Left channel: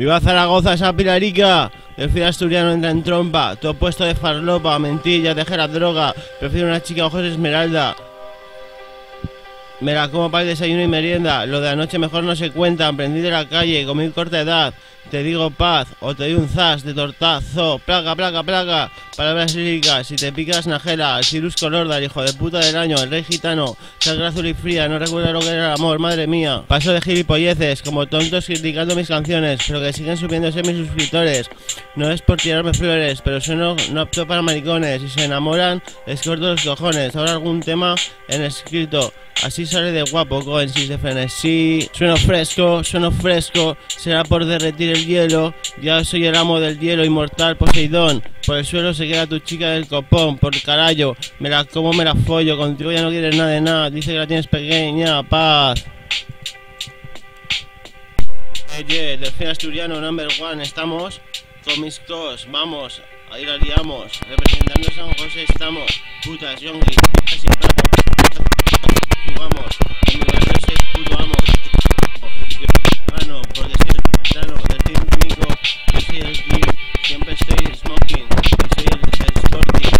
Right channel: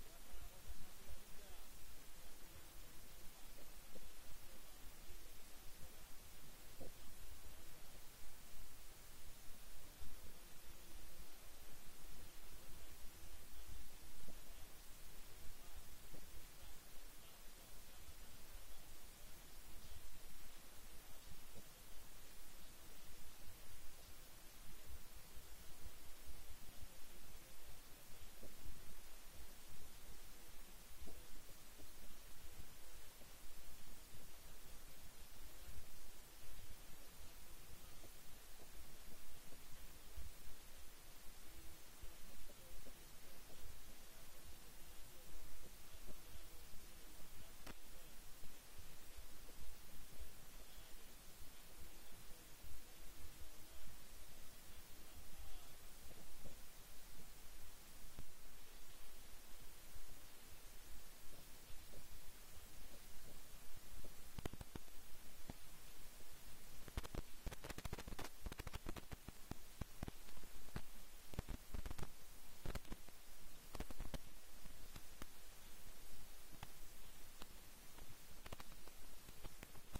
¡Viva Zaragoza, esa pilarica! El fiel asturiano entra en trompa, todo puesto de farlopa, mentilla, tejera, droga. Prefiero una chica ojos esmeralda. Me la como para el desayuno y merienda. Lo de anoche mejor no se cuenta. Aprendí de la calle, con mi corta edad. Te digo paz, o te doy un zas de tortazo. Placa, placa, placa. Palabras líricas, si te picas Najela. El Cirus Colorda, el hijo de puta del año. El rey gitano, sangre azul y fría. No recuerdo lo que era el amor, madre mía. Paso de gilipolleces, como tontos criticando mis canciones. Pero que siguen subiéndose mis suscriptores. No es por tirarme flores, pero sueno no apto para maricones. Si se enamoran, les corto los cojones. Ahora algún tema en escrito. Así sale de guapo, Coensis de frenesí. Sueno fresco, será por derretir el hielo. Ya soy el amo del hielo inmortal Poseidón. Por el suelo se queda tu chica del copón, por carajo. Me la como, me la follo, contigo ya no quieres nada de nada. Dice que la tienes pequeña, paz. Del fin asturiano number one, estamos con mis cos, vamos, ahí la liamos. Representando a San José estamos, putas, yonguis, casi plato. Jugamos, en mi barrio soy puto amo. Yo gano, porque soy el gitano, del team único. Yo soy el king, siempre estoy smoking. Yo soy el sporting.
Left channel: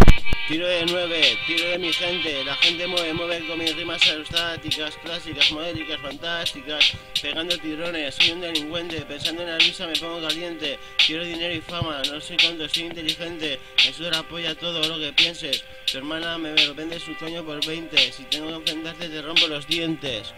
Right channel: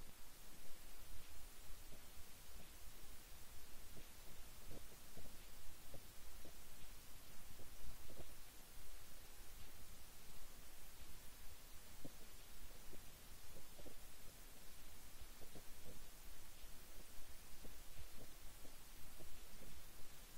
Tiro de 9, tiro de mi gente. La gente mueve con mis rimas aerostáticas, clásicas, modélicas, fantásticas. Pegando tirones, soy un delincuente. Pensando en la risa me pongo caliente. Quiero dinero y fama, no soy tonto, soy inteligente. Me suda la polla todo lo que pienses. Tu hermana me vende su coño por 20. Si tengo que enfrentarte te rompo los dientes.